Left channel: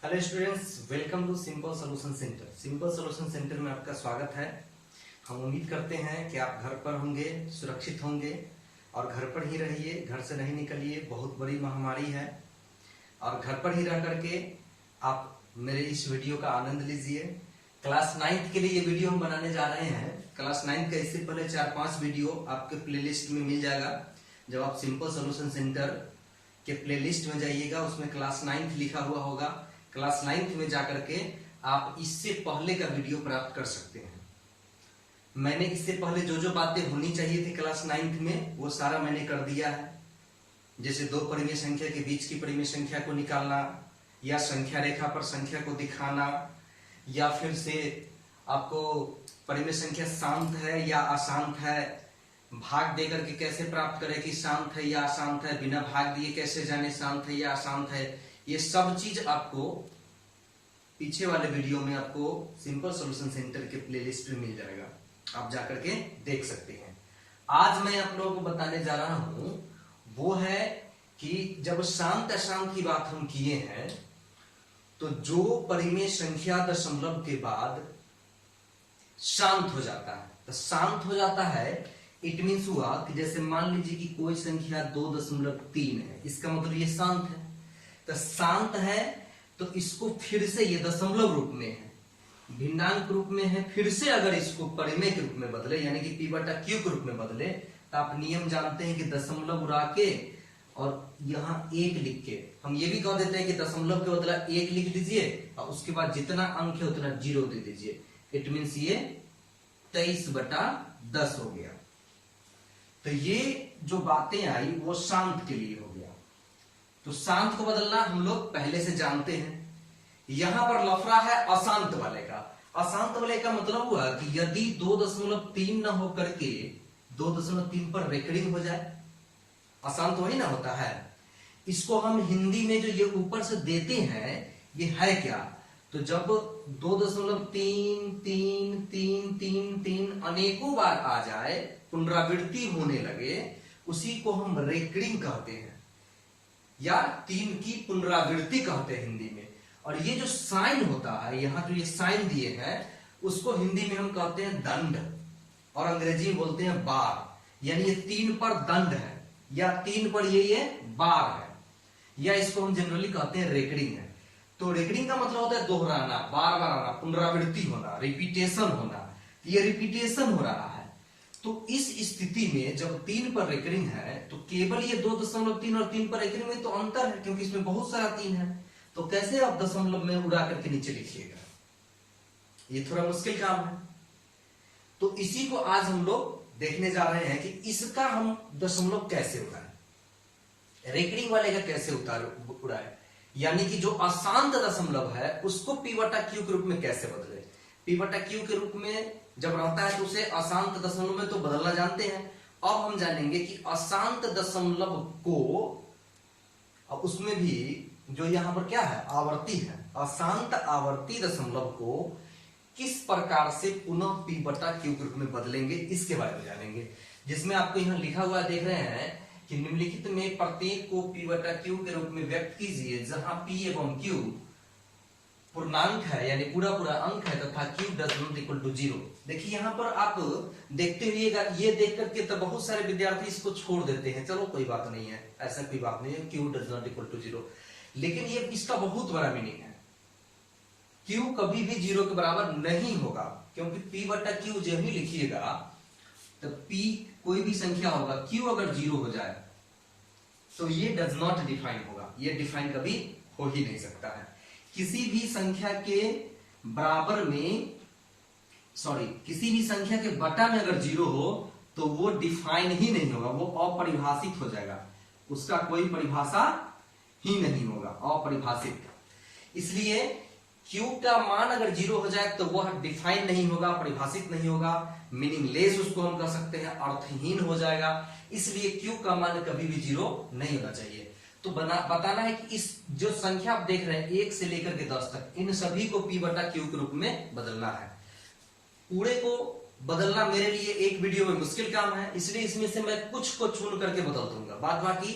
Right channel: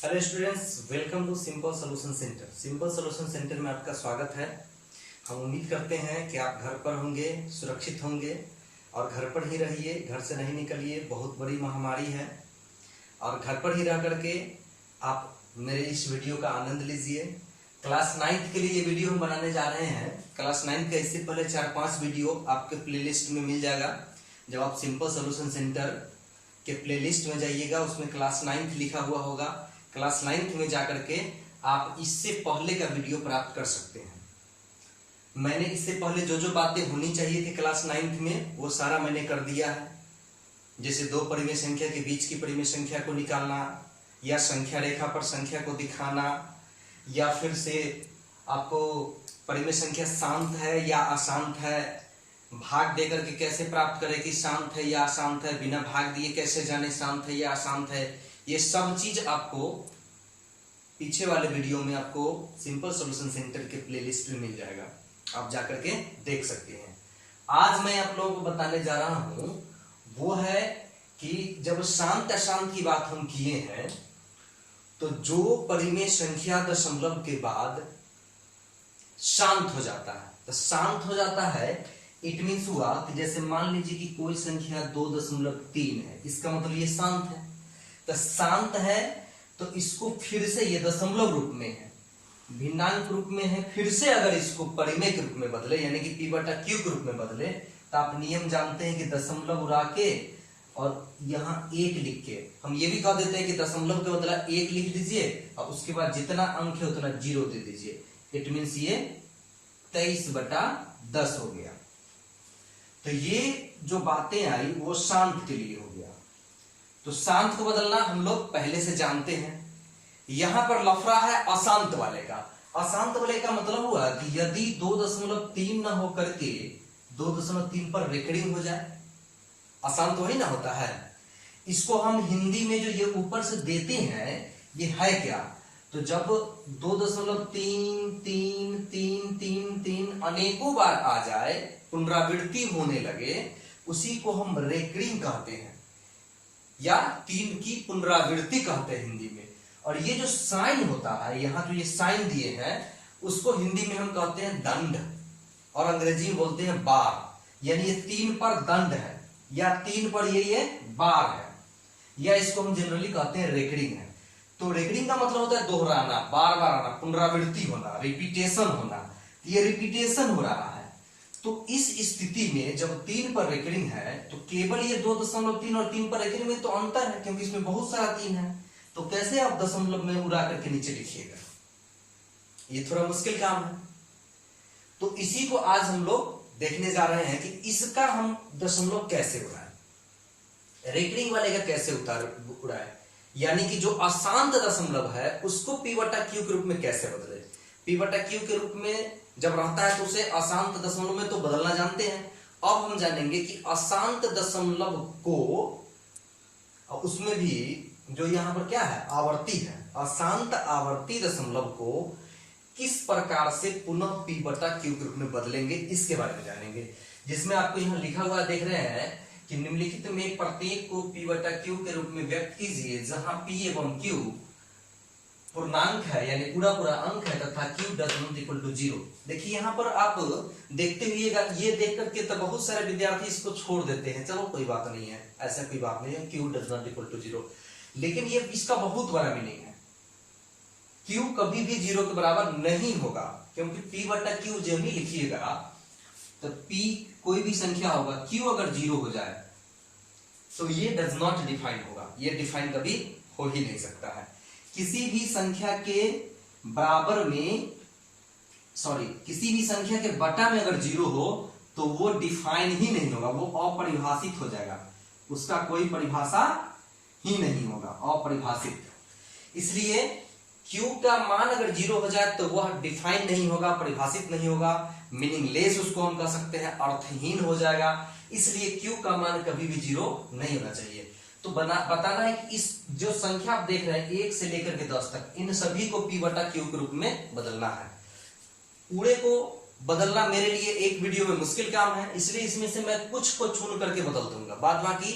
Hello students, welcome to simple solution centre. Simple solution centre में आपका स्वागत है। हम उम्मीद करते हैं कि आप घर पर होंगे, सुरक्षित होंगे और घर पर ही रहिए, घर से नहीं निकलिए। बहुत बड़ी महामारी है और घर पर ही रह करके आप मेरे इस वीडियो का आनंद लीजिए। क्लास 9th के लिए ये वीडियो हम बनाने जा रहे हैं। क्लास 9th का इससे पहले 4-5 वीडियो आपके प्लेलिस्ट में मिल जाएगा। जब आप सिंपल सॉल्यूशन सेंटर के प्लेलिस्ट में जाइएगा, उसमें क्लास 9th लिखा हुआ होगा। क्लास 9th में जाकर के आप इससे पहले का वीडियो प्राप्त कर सकते हैं। मैंने इससे पहले जो जो बातें होनी चाहिए थी क्लास 9th में, वो सारा मैंने कर दिया है। जैसे दो परिमेय संख्या के बीच की परिमेय संख्या को निकालना, या संख्या रेखा पर संख्या को दिखाना, या फिर से आपको परिमेय संख्या शांत है या अशांत है, भाग देकर के कैसे प्राप्त करें कि शांत है या अशांत है, बिना भाग दिए कैसे जाने शांत है या अशांत है। ये सब चीज आपको पीछे वाले वीडियो में आपको सिंपल सॉल्यूशन सेंटर के प्लेलिस्ट में मिल जाएगा, आप जाकर के देख सकते हैं। आज मैं आप लोगों को बताने जा रहा हूं वो है कि जब शांत अशांत की बात हम किए हैं, तो जो परिमेय संख्या दशमलव के बाद शांत हो जाता है, तो शांत हो जाता है, इट मीन्स हुआ कि जैसे मान लीजिए कि कोई संख्या 2.3 है, इसका मतलब ये शांत है। तो शांत है तो इसको फिर से ये दशमलव रूप में है, भिन्नांक रूप में है, फिर से अगर इसको परिमेय के रूप में बदले यानी कि p/q के रूप में बदले, तो आप नियम जानते हैं कि दशमलव उड़ा के और यहाँ 1 लिख के हम ये भी कह देते हैं कि दशमलव के बदला 1 लिख दीजिए और उसके बाद जितना अंक है उतना 0 दे दीजिए। इट मीन्स ये 23/10 हो गया। तो ये जो बातें आई वो शांत के लिए हो गया। तो शांत को बदलना हम लोग पहले से जानते हैं। यहां पर लफड़ा है अशांत वाले का। अशांत वाले का मतलब हुआ कि यदि 2.3 ना होकर के 2.3 पर रेकरिंग हो जाए, अशांत वही ना होता है। इसको हम हिंदी में जो ये ऊपर से देते हैं ये है क्या, तो जब 2.3 3 3 3 3 अनेकों बार आ जाए, पुनरावृत्ति होने लगे, उसी को हम रेकरिंग कहते हैं या 3 की पुनरावृत्ति कहते हैं हिंदी में। और ये जो साइन होता है, यहां जो ये साइन दिए हैं, उसको हिंदी में हम कहते हैं दंड और अंग्रेजी में बोलते हैं बार। यानी ये 3 पर दंड है या 3 पर ये बार है, या इसको हम जनरली कहते हैं रेकरिंग है। तो रेकरिंग का मतलब होता है दोहराना, बार बार आना, पुनरावृत्ति होना, रिपीटेशन होना। ये रिपीटेशन हो रहा है। तो इस स्थिति में जब 3 पर रेकरिंग है, तो केवल ये 2.3 और 3 पर रेकरिंग में तो अंतर है, क्योंकि इसमें बहुत सारा 3 है। तो कैसे आप दशमलव में उड़ा करके नीचे लिखिएगा, ये थोड़ा मुश्किल काम है। तो इसी को आज हम लोग देखने जा रहे हैं कि इसका हम दशमलव कैसे उड़ाए, रेकरिंग वाले का कैसे उड़ाए, यानी कि जो अशांत दशमलव है उसको p/q के रूप में कैसे बदले। p/q के रूप में जब रहता है तो उसे अशांत दशमलव में तो बदलना जानते हैं। अब हम जानेंगे कि अशांत दशमलव को, और उसमें भी जो यहां पर क्या है, आवर्ती है, अशांत आवर्ती दशमलव को किस प्रकार से पुनः p/q के रूप में बदलेंगे, इसके बारे में जानेंगे। जिसमें आपको यहां लिखा हुआ देख रहे हैं कि निम्नलिखित में प्रत्येक को p/q के रूप में व्यक्त कीजिए, जहां p एवं q पूर्णांक है यानी पूरा पूरा अंक है तथा q does not equal to 0। देखिए यहां पर आप देखते हुए ये देख करके तो बहुत सारे विद्यार्थी इसको छोड़ देते हैं, चलो कोई बात नहीं है, ऐसा कोई बात नहीं है, q does not equal to 0। लेकिन ये इसका बहुत बड़ा मीनिंग है, q कभी भी 0 के बराबर नहीं होगा, क्योंकि p/q जब भी लिखिएगा तो p कोई भी संख्या होगा, q अगर 0 हो जाए तो ये डज नॉट डिफाइन होगा, ये डिफाइन कभी हो ही नहीं सकता है। किसी भी संख्या के बराबर में, किसी भी संख्या के बटा में अगर 0 हो तो वो डिफाइन ही नहीं होगा, वो अपरिभाषित हो जाएगा, उसका कोई परिभाषा ही नहीं होगा, अपरिभाषित। इसलिए q का मान अगर 0 हो जाए तो वह डिफाइन नहीं होगा, परिभाषित नहीं होगा, मीनिंगलेस उसको हम कह सकते हैं, अर्थहीन हो जाएगा। इसलिए q का मान कभी भी 0 नहीं होना चाहिए। तो बताना है कि इस जो संख्या आप देख रहे हैं 1 से लेकर के 10 तक, इन सभी को p/q के रूप में बदलना है। पूरे को बदलना मेरे लिए एक वीडियो में मुश्किल काम है, इसलिए इसमें से मैं कुछ को चुन करके बदल दूंगा। बाद बाकी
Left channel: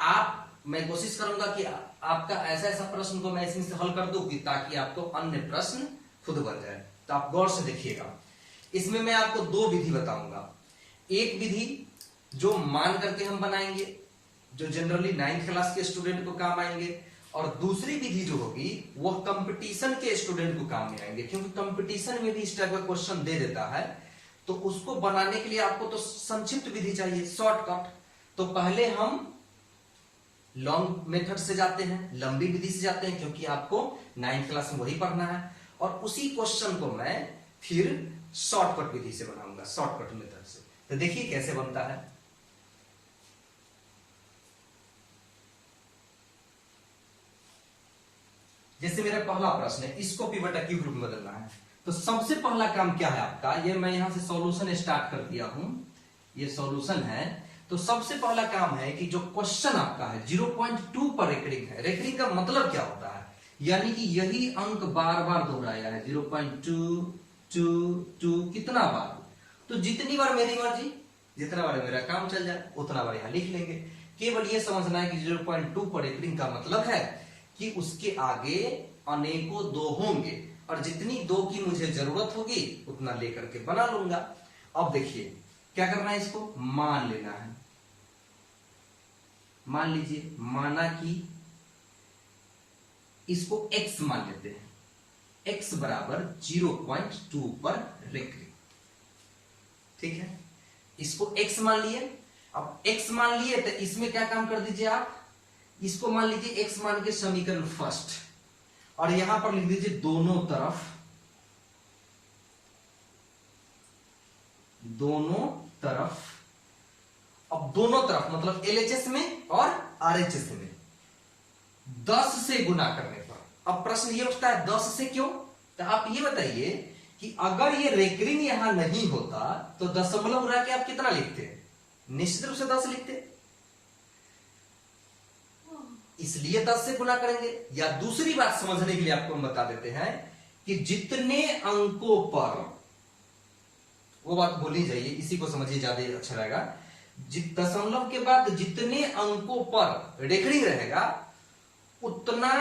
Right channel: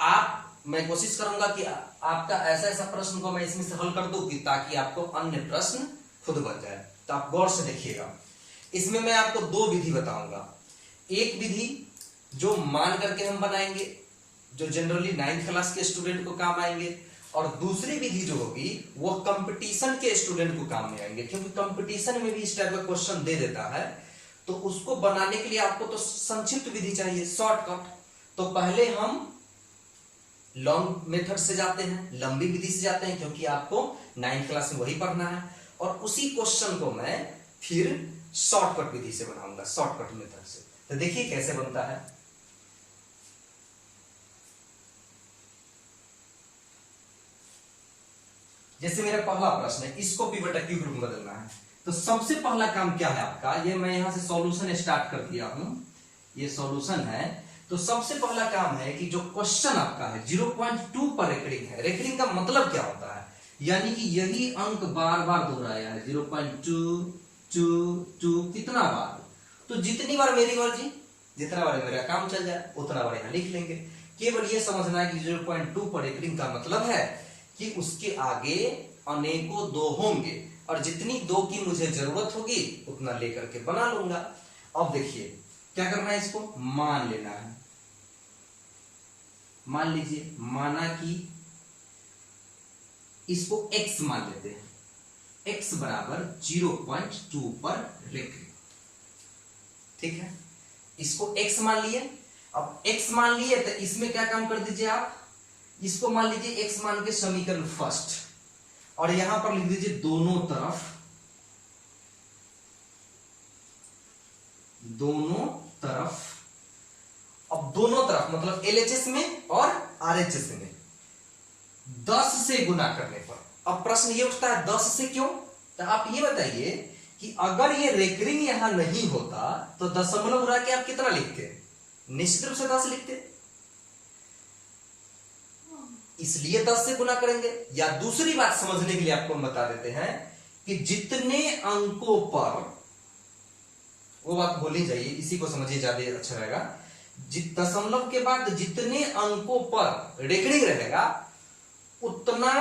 आप मैं कोशिश करूंगा कि आपका ऐसा ऐसा प्रश्न को मैं इसमें से हल कर दूं कि ताकि आपको अन्य प्रश्न खुद बन जाए। तो आप गौर से देखिएगा, इसमें मैं आपको दो विधि बताऊंगा। एक विधि जो मान करके हम बनाएंगे, जो जनरली 9th क्लास के स्टूडेंट को काम आएंगे, और दूसरी विधि जो होगी वो कंपटीशन के स्टूडेंट को काम में आएंगे, क्योंकि कंपटीशन में भी इस टाइप का क्वेश्चन दे देता है। तो उसको बनाने के लिए आपको तो संक्षिप्त विधि चाहिए, शॉर्टकट। तो पहले हम लॉन्ग मेथड से जाते हैं, लंबी विधि से जाते हैं, क्योंकि आपको 9th क्लास में वही पढ़ना है, और उसी क्वेश्चन को मैं फिर शॉर्टकट विधि से बनाऊंगा, शॉर्टकट मेथड से। तो देखिए कैसे बनता है। जैसे मेरा पहला प्रश्न है, इसको पी बटा क्यू ग्रुप में बदलना है। तो सबसे पहला काम क्या है आपका, ये मैं यहां से सॉल्यूशन स्टार्ट कर दिया हूं, ये सॉल्यूशन है। तो सबसे पहला काम है कि जो क्वेश्चन आपका है 0.2 पर रेकरिंग है। रेकरिंग का मतलब क्या होता है, यानी कि यही अंक बार बार दोहराया है, 0.2 कितना बार, तो जितनी बार मेरी मर्जी, जितना बार मेरा काम चल जाए उतना बार यहां लिख लेंगे। केवल ये समझना है कि 0.2 पर रेकरिंग का मतलब है कि उसके आगे अनेकों दो होंगे, और जितनी दो की मुझे जरूरत होगी उतना लेकर के बना लूंगा। अब देखिए क्या करना है, इसको मान लेना है। मान लीजिए, माना कि इसको x मान लेते हैं, x बराबर 0.2 पर रेकरिंग, ठीक है। इसको x मान लिए। अब x मान लिए तो इसमें क्या काम कर दीजिए आप, इसको मान लीजिए x मान के समीकरण फर्स्ट, और यहां पर लिख दीजिए दोनों तरफ, दोनों तरफ। अब दोनों तरफ मतलब LHS में और RHS में 10 से गुना करने पर। अब प्रश्न ये उठता है 10 से क्यों, तो आप ये बताइए कि अगर ये रेकरिंग यहां नहीं होता तो दशमलव उड़ा के आप कितना लिखते, निश्चित रूप से 10 लिखते, इसलिए 10 से गुना करेंगे। या दूसरी बात समझने के लिए आपको हम बता देते हैं कि जितने अंकों पर, वो बात भूल जाइए, इसी को समझिए ज्यादा अच्छा रहेगा। दशमलव के बाद जितने अंकों पर रेकरिंग रहेगा उतना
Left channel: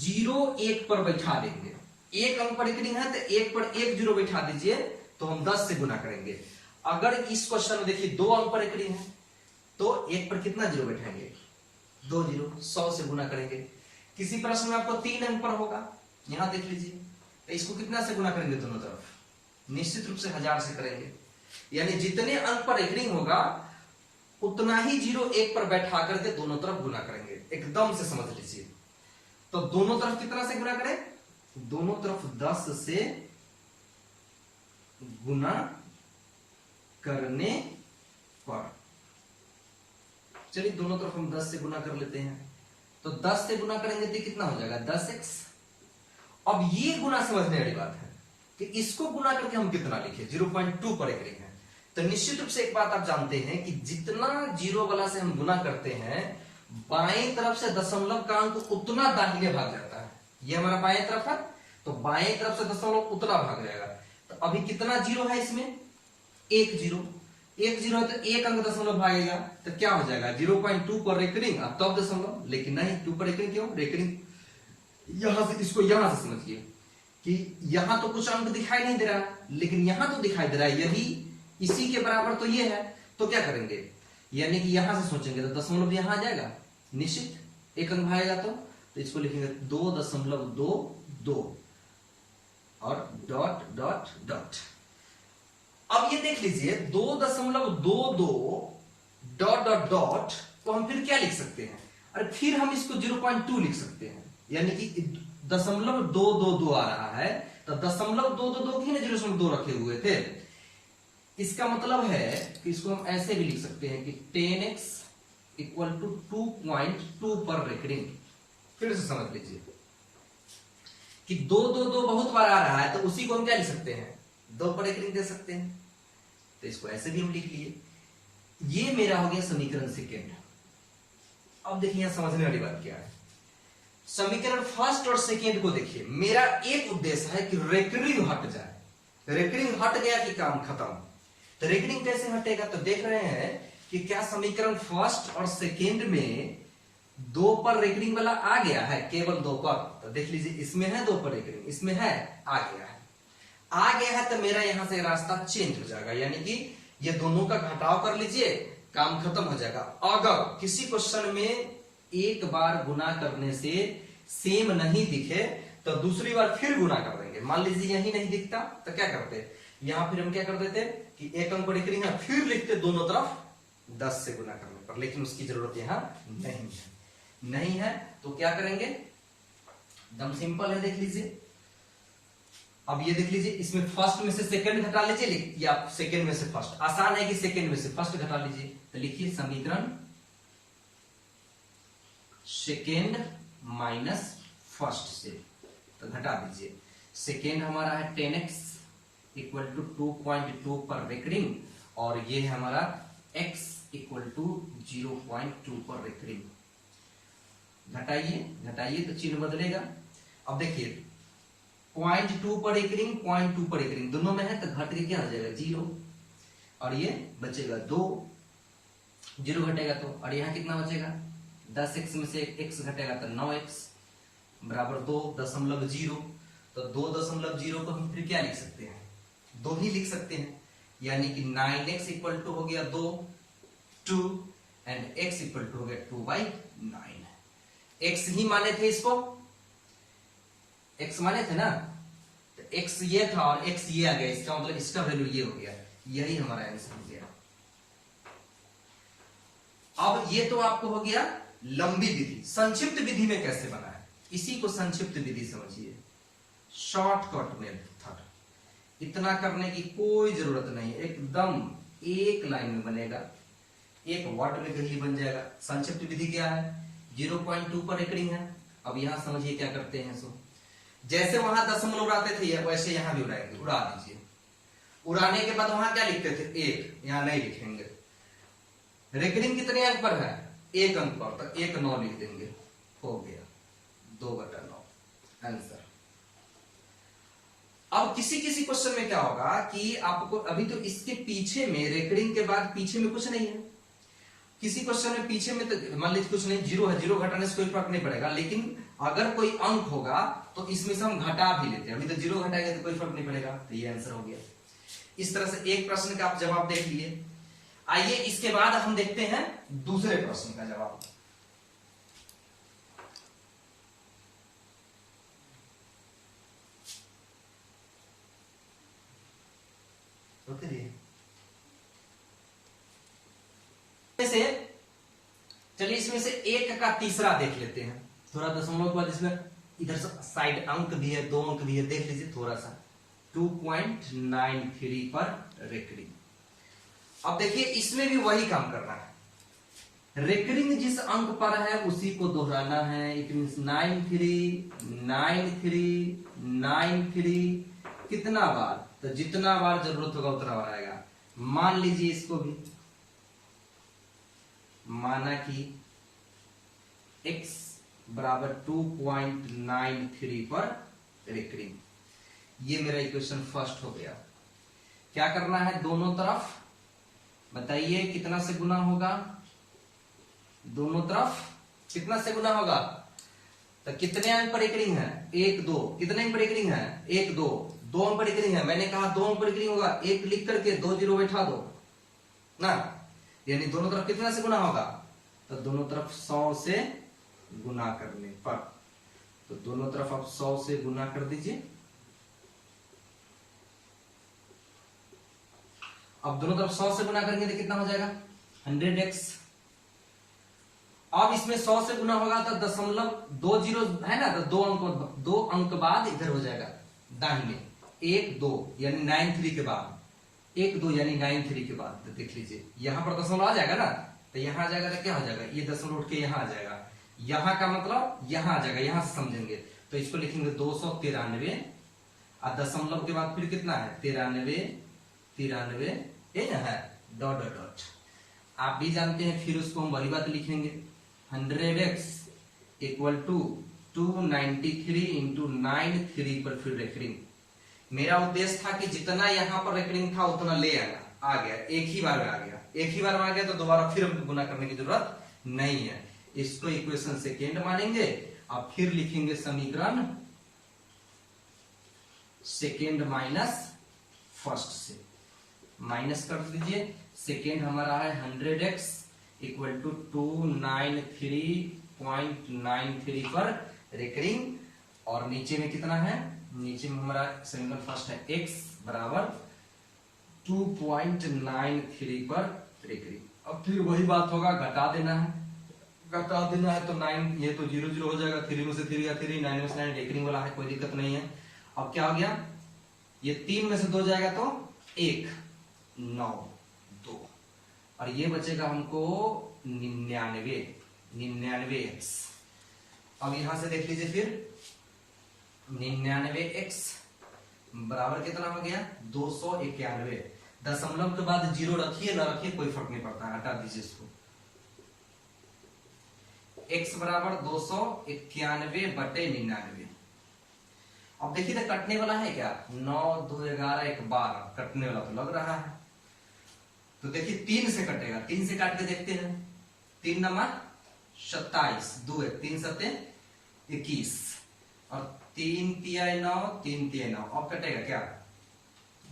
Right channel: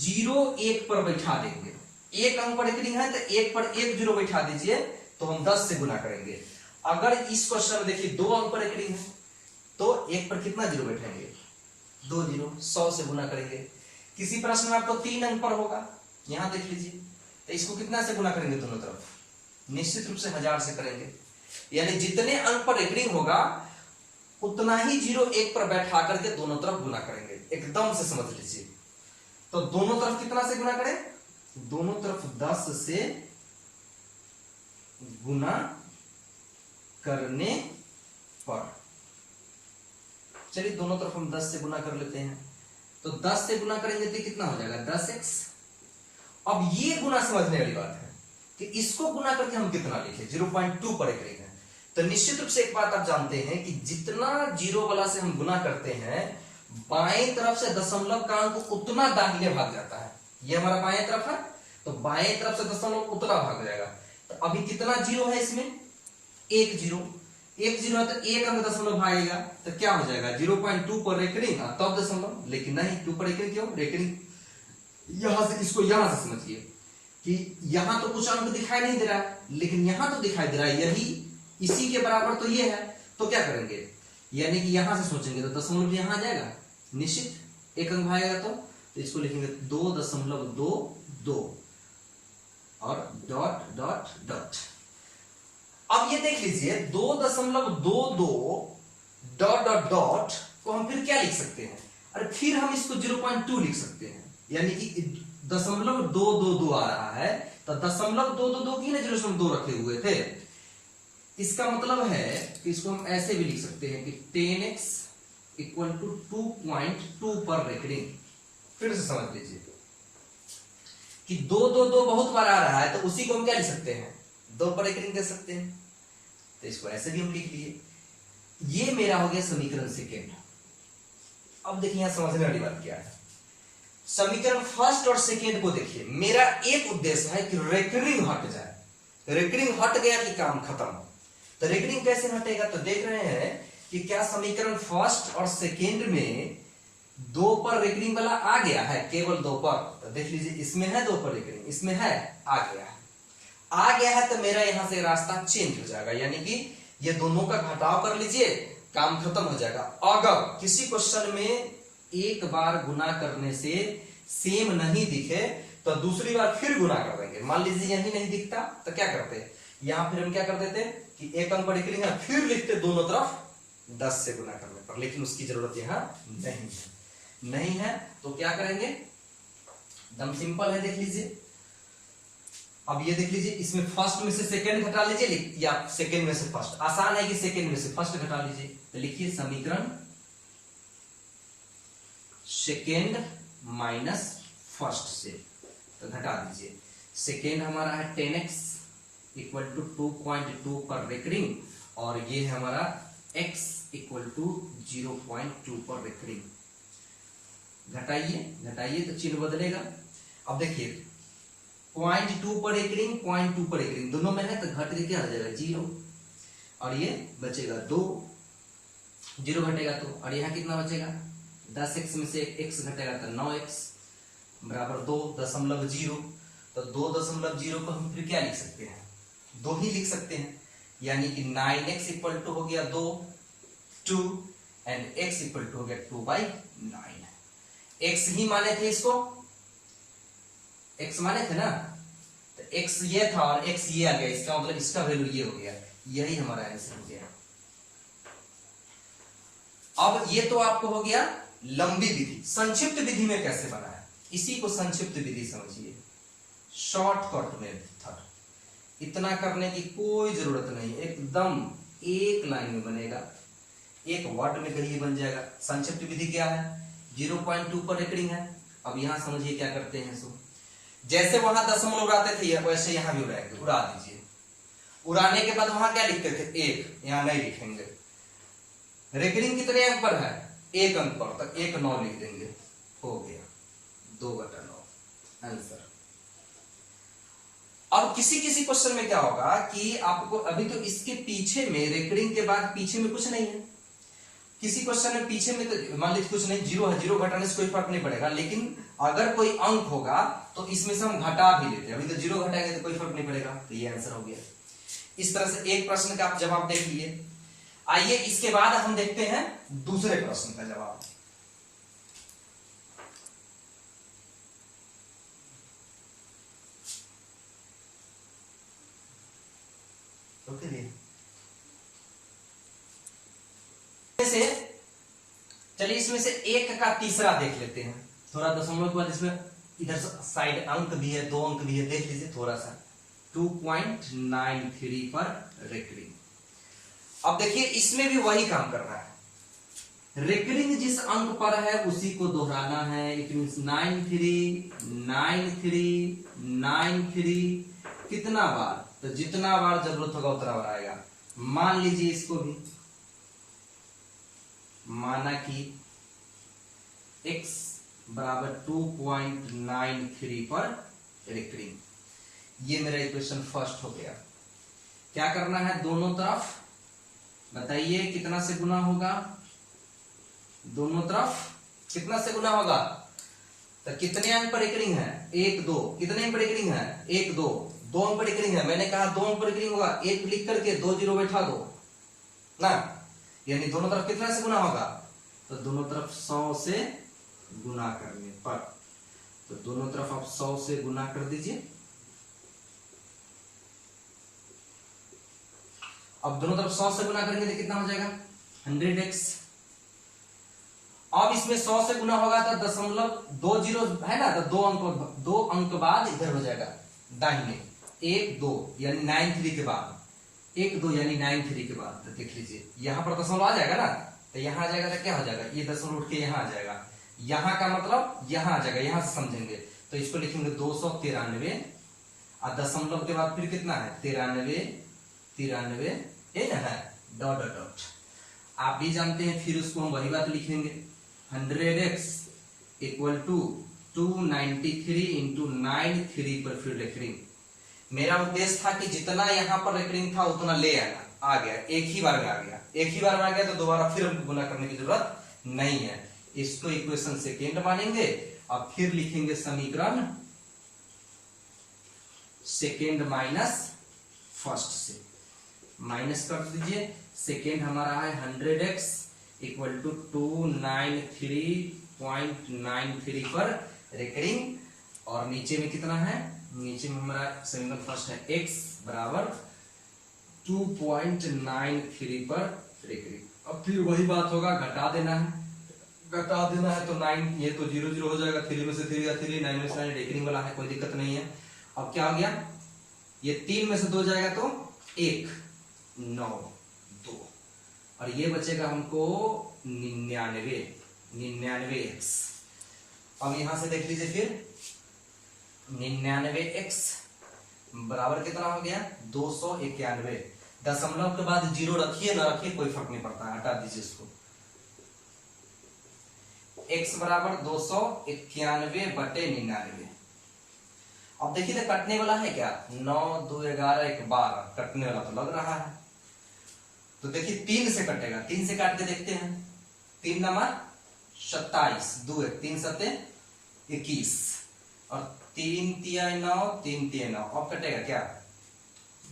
0 1 पर बैठा देंगे। एक अंक पर रेकरिंग है तो 1 पर 1 0 बैठा दीजिए, तो हम 10 से गुना करेंगे। अगर इस क्वेश्चन में देखिए 2 अंक पर रेकरिंग है तो 1 पर कितना 0 बैठाएंगे, 2 0, 100 से गुना करेंगे। किसी प्रश्न में आपको 3 अंक पर होगा, यहां देख लीजिए, तो इसको कितना से गुना करेंगे दोनों तरफ, निश्चित रूप से 1000 से करेंगे। यानी जितने अंक पर रेकरिंग होगा उतना ही 0 1 पर बैठा करके दोनों तरफ गुना करेंगे, एकदम से समझ लीजिए। तो दोनों तरफ कितना से गुना करें, दोनों तरफ 10 से गुना करने पर, चलिए दोनों तरफ हम 10 से गुना कर लेते हैं। तो 10 से गुना करेंगे तो कितना हो जाएगा 10x। अब ये गुना समझने वाली बात है कि इसको गुना करके हम कितना लिखे, 0.2 पर रेकरिंग है। तो निश्चित रूप से एक बात आप जानते हैं कि जितना 0 वाला से हम गुना करते हैं, बाएं तरफ से दशमलव का अंक उतना दाहिने भाग जाता है। ये हमारा बाएं तरफ है, तो बाएं तरफ से दशमलव उतना भाग जाएगा। तो अभी कितना 0 है इसमें, 1 0 है तो एक अंक दशमलव भागेगा, तो क्या हो जाएगा 0.2 पर रेकरिंग तब दशमलव, लेकिन नहीं 2 पर रेकरिंग क्यों, रेकरिंग यहां से, इसको यहां से समझिए कि यहां तो कुछ अंक दिखाई नहीं दे रहा, लेकिन यहां तो दिखाई दे रहा है, यही इसी के बराबर तो ये है। तो क्या करेंगे, यानी कि यहां से सोचेंगे तो दशमलव यहां आ जाएगा, निश्चित एक अंक भागेगा, तो इसको लिखेंगे 2.22 और डॉट डॉट डॉट। अब ये देख लीजिए 2.22 डॉट डॉट डॉट को हम फिर क्या लिख सकते हैं, अरे फिर हम इसको 0.2 लिख सकते हैं, यानी कि 0.222 आ रहा है, तो 0.222 की ना 0.2 रखे हुए थे। इसका मतलब है कि इसको हम ऐसे भी लिख सकते हैं कि 10x इक्वल टू 2.2 पर रेकरिंग। फिर से समझ लीजिए कि 2 बहुत बार आ रहा है, तो उसी को हम क्या लिख सकते हैं, 2 पर रेकरिंग दे सकते हैं। तो इसको ऐसे भी हम लिख लिए। ये मेरा हो गया समीकरण सेकेंड। अब देखिए यहां समझने वाली बात क्या है, समीकरण फर्स्ट और सेकेंड को देखिए। मेरा एक उद्देश्य है कि रेकरिंग हट जाए, रेकरिंग हट गया कि काम खत्म। तो रेकरिंग कैसे हटेगा, तो देख रहे हैं कि क्या समीकरण फर्स्ट और सेकेंड में 2 पर रेकरिंग वाला आ गया है, केवल 2 पर, तो देख लीजिए इसमें है 2 पर रेकरिंग, इसमें है, आ गया है तो मेरा यहां से रास्ता चेंज हो जाएगा, यानी कि ये दोनों का घटाव कर लीजिए, काम खत्म हो जाएगा। अगर किसी क्वेश्चन में एक बार गुना करने से सेम नहीं दिखे तो दूसरी बार फिर गुना कर देंगे। मान लीजिए यही नहीं दिखता तो क्या करते, यहां फिर हम क्या कर देते कि एक अंक पर रेकरिंग है, फिर लिखते दोनों तरफ 10 से गुना करने पर, लेकिन उसकी जरूरत यहां नहीं है। तो क्या करेंगे, एकदम सिंपल है, देख लीजिए। अब ये देख लीजिए, इसमें फर्स्ट में से सेकंड घटा लीजिए या सेकंड में से फर्स्ट, आसान है कि सेकंड में से फर्स्ट घटा लीजिए। तो लिखिए समीकरण सेकंड माइनस फर्स्ट से, तो घटा दीजिए। सेकंड हमारा है 10x इक्वल टू 2.2 पर रेकरिंग, और ये है हमारा x इक्वल टू 0.2 पर रेकरिंग। घटाइए तो चिन्ह बदलेगा। अब देखिए 0.2 पर रेकरिंग, 0.2 पर रेकरिंग दोनों में है, तो घट के क्या हो जाएगा 0, और ये बचेगा 2, 0 घटेगा तो, और यहाँ कितना बचेगा 10x में से x घटेगा तो 9x बराबर 2.0। तो 2.0 को हम फिर क्या लिख सकते हैं, 2 ही लिख सकते हैं, यानी कि 9x इक्वल टू हो गया 2 एंड x इक्वल टू हो गया 2/9। x ही माने थे, इसको x माने थे ना, तो x ये था और x ये आ गया, इसका मतलब इसका वैल्यू ये हो गया, यही हमारा आंसर हो गया। अब ये तो आपको हो गया लंबी विधि। संक्षिप्त विधि में कैसे बना है, इसी को संक्षिप्त विधि समझिए, शॉर्टकट मेथड। इतना करने की कोई जरूरत नहीं, एकदम एक लाइन में बनेगा, एक वर्ड में कहीं बन जाएगा। संक्षिप्त विधि क्या है, 0.2 पर रेकरिंग है। अब यहां समझिए क्या करते हैं, सो जैसे वहां दशमलव उड़ाते थे वैसे यहां भी उड़ाएंगे, उड़ा दीजिए। उड़ाने के बाद वहां क्या लिखते थे 1, यहां नहीं लिखेंगे। रेकरिंग कितने अंक पर है, 1 अंक पर, तो 1 9 लिख देंगे, हो गया 2/9 आंसर। अब किसी क्वेश्चन में क्या होगा कि आपको अभी तो इसके पीछे में रेकरिंग के बाद पीछे में कुछ नहीं है, किसी क्वेश्चन में पीछे में तो मान लीजिए कुछ नहीं, 0 है, 0 घटाने से कोई फर्क नहीं पड़ेगा, लेकिन अगर कोई अंक होगा तो इसमें से हम घटा भी लेते हैं। अभी तो 0 घटाएंगे तो कोई फर्क नहीं पड़ेगा, तो ये आंसर हो गया। इस तरह से एक प्रश्न का आप जवाब देख लिए। आइए इसके बाद हम देखते हैं दूसरे प्रश्न का जवाब। चलिए इसमें से एक का तीसरा देख लेते हैं, थोड़ा दशमलव के बाद इसमें इधर साइड अंक भी है, 2 अंक भी है, देख लीजिए थोड़ा सा 2.93 पर रेकरिंग। अब देखिए इसमें भी वही काम करना है, रेकरिंग जिस अंक पर है उसी को दोहराना है। इट मींस 93 कितना बार, तो जितना बार जरूरत होगा उतना बार आएगा। मान लीजिए इसको भी माना कि x बराबर 2.93 पर रेकरिंग, ये मेरा इक्वेशन फर्स्ट हो गया। क्या करना है, दोनों तरफ बताइए कितना से गुना होगा, दोनों तरफ कितना से गुना होगा, तो कितने अंक पर रेकरिंग है 1 2, कितने अंक पर रेकरिंग है 1 2, 2 अंक पर रेकरिंग है, मैंने कहा 2 अंक पर रेकरिंग होगा, 1 लिख करके 2 0 बैठा दो ना, यानी दोनों तरफ कितना से गुना होगा, तो दोनों तरफ 100 से गुना करने पर, तो दोनों तरफ आप 100 से गुना कर दीजिए। अब दोनों तरफ 100 से गुना करेंगे तो कितना हो जाएगा 100x। अब इसमें 100 से गुना होगा तो 0.20 है ना, तो 2 अंक बाद इधर हो जाएगा दाहिने, 1 2 यानी 93 के बाद, 1 2 यानी 93 के बाद, तो देख लीजिए यहां पर दशमलव आ जाएगा ना, तो यहां आ जाएगा तो क्या हो जाएगा, ये दशमलव उठ के यहां आ जाएगा, यहां का मतलब यहां आ जाएगा, यहां से समझेंगे तो इसको लिखेंगे 293, और दशमलव के बाद फिर कितना है 93 ये ना है डॉट डॉट डॉट, आप भी जानते हैं, फिर उसको हम वही बात लिखेंगे 100x इक्वल टू 293 इंटू 93 पर फिर रेकरिंग। मेरा उद्देश्य था कि जितना यहां पर रेकरिंग था उतना ले आना, आ गया, एक ही बार में आ गया, एक ही बार में आ गया, तो दोबारा फिर हमको गुना करने की जरूरत नहीं है। इसको इक्वेशन सेकेंड मानेंगे और फिर लिखेंगे समीकरण सेकेंड माइनस फर्स्ट से। माइनस कर दीजिए, सेकेंड हमारा है 100x इक्वल टू 293.93 पर रेकरिंग, और नीचे में कितना है, नीचे में हमारा समीकरण फर्स्ट है x बराबर 2.93 पर रेकरिंग। अब फिर वही बात होगा, घटा देना है, घटा देना है तो 9, ये तो 0 0 हो जाएगा, 3 में से 3 का 3, 9 में से 9 रेकरिंग वाला है, कोई दिक्कत नहीं है। अब क्या हो गया, ये 3 में से 2 जाएगा तो 1 9 2, और ये बचेगा हमको 99x। अब यहां से देख लीजिए फिर 99x बराबर कितना हो गया 291। दशमलव के बाद 0 रखिए ना रखिए कोई फर्क नहीं पड़ता, हटा दीजिए इसको। x बराबर 291/99। अब देखिए तो कटने वाला है क्या, 9 2 11 1 12, कटने वाला तो लग रहा है। तो देखिए 3 से कटेगा, 3 से काट के देखते हैं। 3 नंबर 27, 2 3 7 21, और 3 3 9 3 3 9। अब कटेगा क्या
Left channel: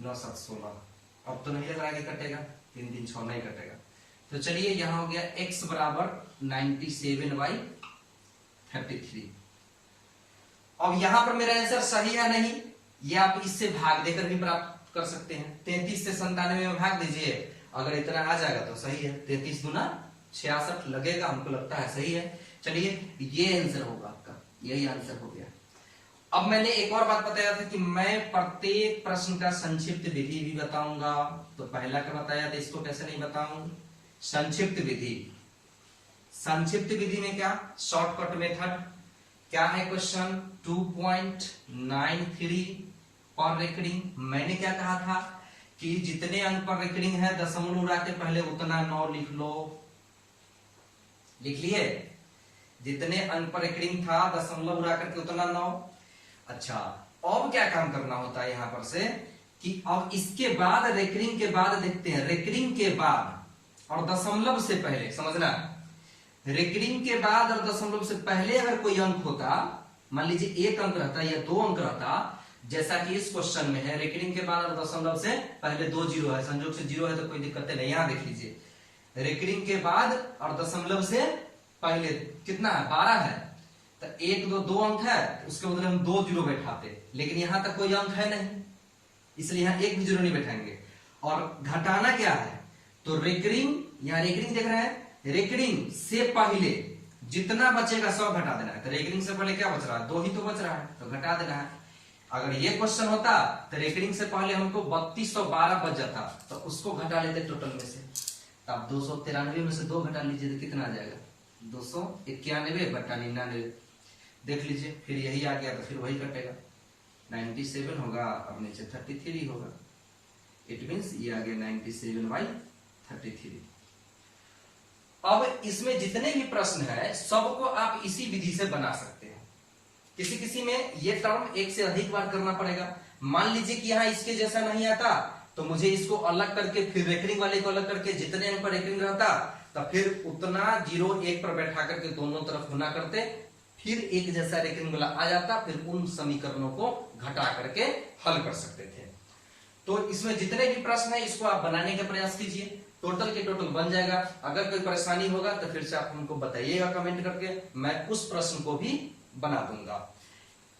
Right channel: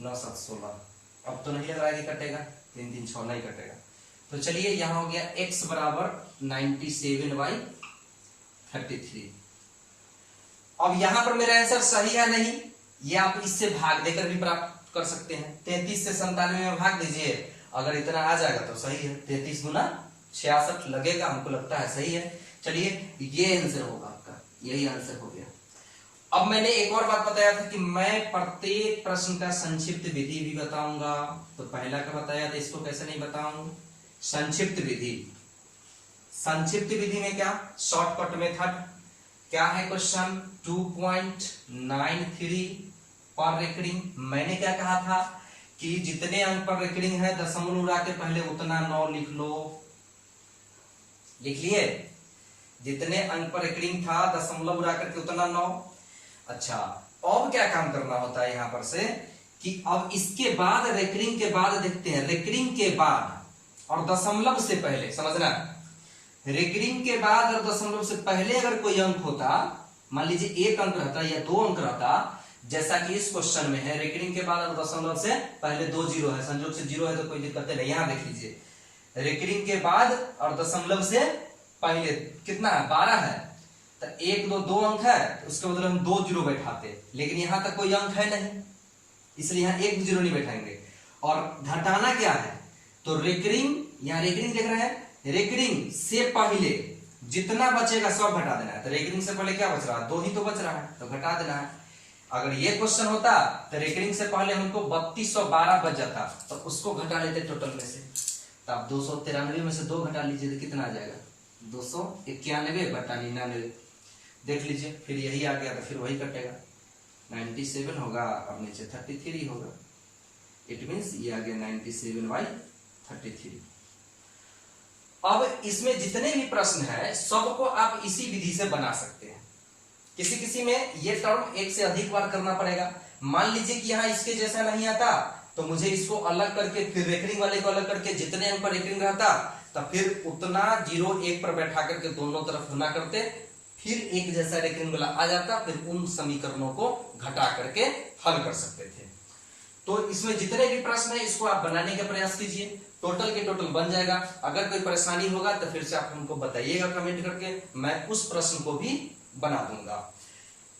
9 7 16। अब तो नहीं लग रहा है कि कटेगा, 3 3 6 नहीं कटेगा। तो चलिए यहां हो गया x बराबर 97/33। अब यहां पर मेरा आंसर सही है नहीं, ये आप इससे भाग देकर भी प्राप्त कर सकते हैं। 33 से 97 में भाग दीजिए, अगर इतना आ जाएगा तो सही है। 33 गुना 66 लगेगा, हमको लगता है सही है। चलिए ये आंसर होगा आपका, यही आंसर हो गया। अब मैंने एक और बात बताया था कि मैं प्रत्येक प्रश्न का संक्षिप्त विधि भी बताऊंगा। तो पहला का बताया था, इसको कैसे नहीं बताऊं, संक्षिप्त विधि। संक्षिप्त विधि में क्या, शॉर्टकट मेथड क्या है, क्वेश्चन 2.93 पर रेकरिंग। मैंने क्या कहा था कि जितने अंक पर रेकरिंग है दशमलव उड़ा के पहले उतना 9 लिख लो। लिख लिए, जितने अंक पर रेकरिंग था दशमलव उड़ा करके उतना 9। अच्छा, अब क्या काम करना होता है यहां पर से कि अब इसके बाद रेकरिंग के बाद देखते हैं, रेकरिंग के बाद और दशमलव से पहले, समझना, रेकरिंग के बाद और दशमलव से पहले अगर कोई अंक होता, मान लीजिए 1 अंक रहता या 2 अंक रहता, जैसा कि इस क्वेश्चन में है, रेकरिंग के बाद और दशमलव से पहले 2 जीरो है, संयोग से 0 है तो कोई दिक्कत नहीं। यहां देख लीजिए, रेकरिंग के बाद और दशमलव से पहले कितना है 12 है, तो 1 2 अंक है, उसके बदले हम 2 जीरो बैठाते, लेकिन यहां तक कोई अंक है नहीं, इसलिए यहां 1 भी जीरो नहीं बैठाएंगे। और घटाना क्या है, तो रेकरिंग, यहां रेकरिंग देख रहे हैं, रेकरिंग से पहले जितना बचेगा सब घटा देना है। तो रेकरिंग से पहले क्या बच रहा है, 2 ही तो बच रहा है, तो घटा देना है। अगर ये क्वेश्चन होता तो रेकरिंग से पहले हमको 3212 बच जाता, तो उसको घटा लेते टोटल में से। तब 293 में से 2 घटा लीजिए तो कितना आ जाएगा 291/99। देख लीजिए, फिर यही आ गया तो फिर वही कटेगा, 97 होगा और नीचे 33 होगा। इट मींस ये आ गया 97/33। अब इसमें जितने भी प्रश्न है सबको आप इसी विधि से बना सकते हैं। किसी किसी में ये टर्म 1 से अधिक बार करना पड़ेगा। मान लीजिए कि यहाँ इसके जैसा नहीं आता, तो मुझे इसको अलग करके फिर रेकरिंग वाले को अलग करके जितने अंक पर रेकरिंग रहता, तो फिर उतना 0 1 पर बैठा करके दोनों तरफ गुना करते, फिर एक जैसा रेकरिंग वाला आ जाता, फिर उन समीकरणों को घटा करके हल कर सकते थे। तो इसमें जितने भी प्रश्न है इसको आप बनाने का प्रयास कीजिए, टोटल के टोटल बन जाएगा। अगर कोई परेशानी होगा तो फिर से आप हमको बताइएगा कमेंट करके, मैं उस प्रश्न को भी बना दूंगा।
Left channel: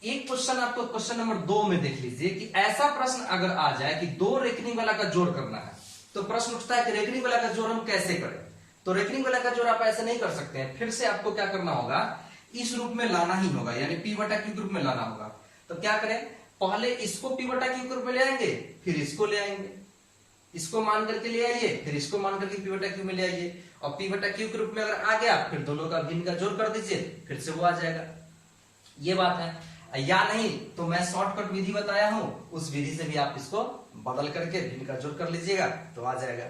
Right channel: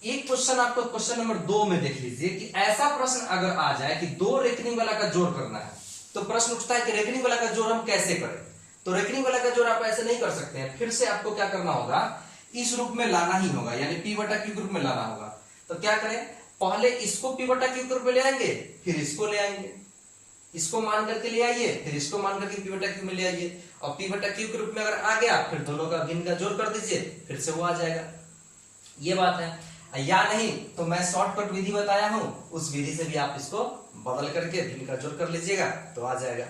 एक क्वेश्चन आपको क्वेश्चन नंबर 2 में देख लीजिए कि ऐसा प्रश्न अगर आ जाए कि 2 रेकरिंग वाला का जोड़ करना है, तो प्रश्न उठता है कि रेकरिंग वाला का जोड़ हम कैसे करें। तो रेकरिंग वाला का जोड़ आप ऐसे नहीं कर सकते हैं, फिर से आपको क्या करना होगा, इस रूप में लाना ही होगा, यानी p/q रूप में लाना होगा। तो क्या करें, पहले इसको p/q रूप में ले आएंगे, फिर इसको ले आएंगे, इसको मान करके ले आइए, फिर इसको मान करके p/q में ले आइए, और p/q के रूप में अगर आ गया फिर दोनों का भिन्न का जोड़ कर दीजिए, फिर से वो आ जाएगा। ये बात है, या नहीं तो मैं शॉर्टकट विधि बताया हूं, उस विधि से भी आप इसको बदल करके भिन्न का जोड़ कर लीजिएगा तो आ जाएगा।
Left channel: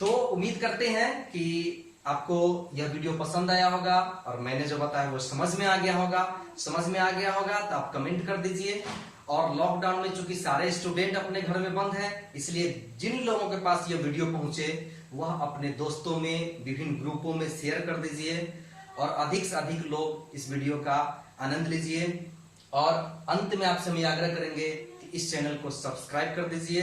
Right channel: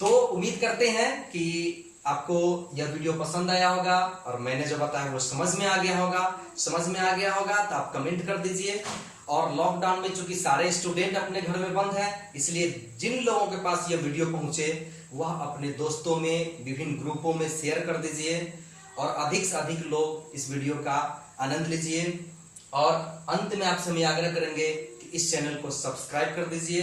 तो उम्मीद करते हैं कि आपको यह वीडियो पसंद आया होगा और मैंने जो बताया वो समझ में आ गया होगा। समझ में आ गया होगा तो आप कमेंट कर दीजिए। और लॉकडाउन में चूंकि सारे स्टूडेंट अपने घर में बंद हैं, इसलिए जिन लोगों के पास ये वीडियो पहुंचे वह अपने दोस्तों में, विभिन्न ग्रुपों में शेयर कर दीजिए और अधिक से अधिक लोग इस वीडियो का आनंद लीजिए। और अंत में आपसे हम आग्रह करेंगे कि इस चैनल को सब्सक्राइब कर दीजिए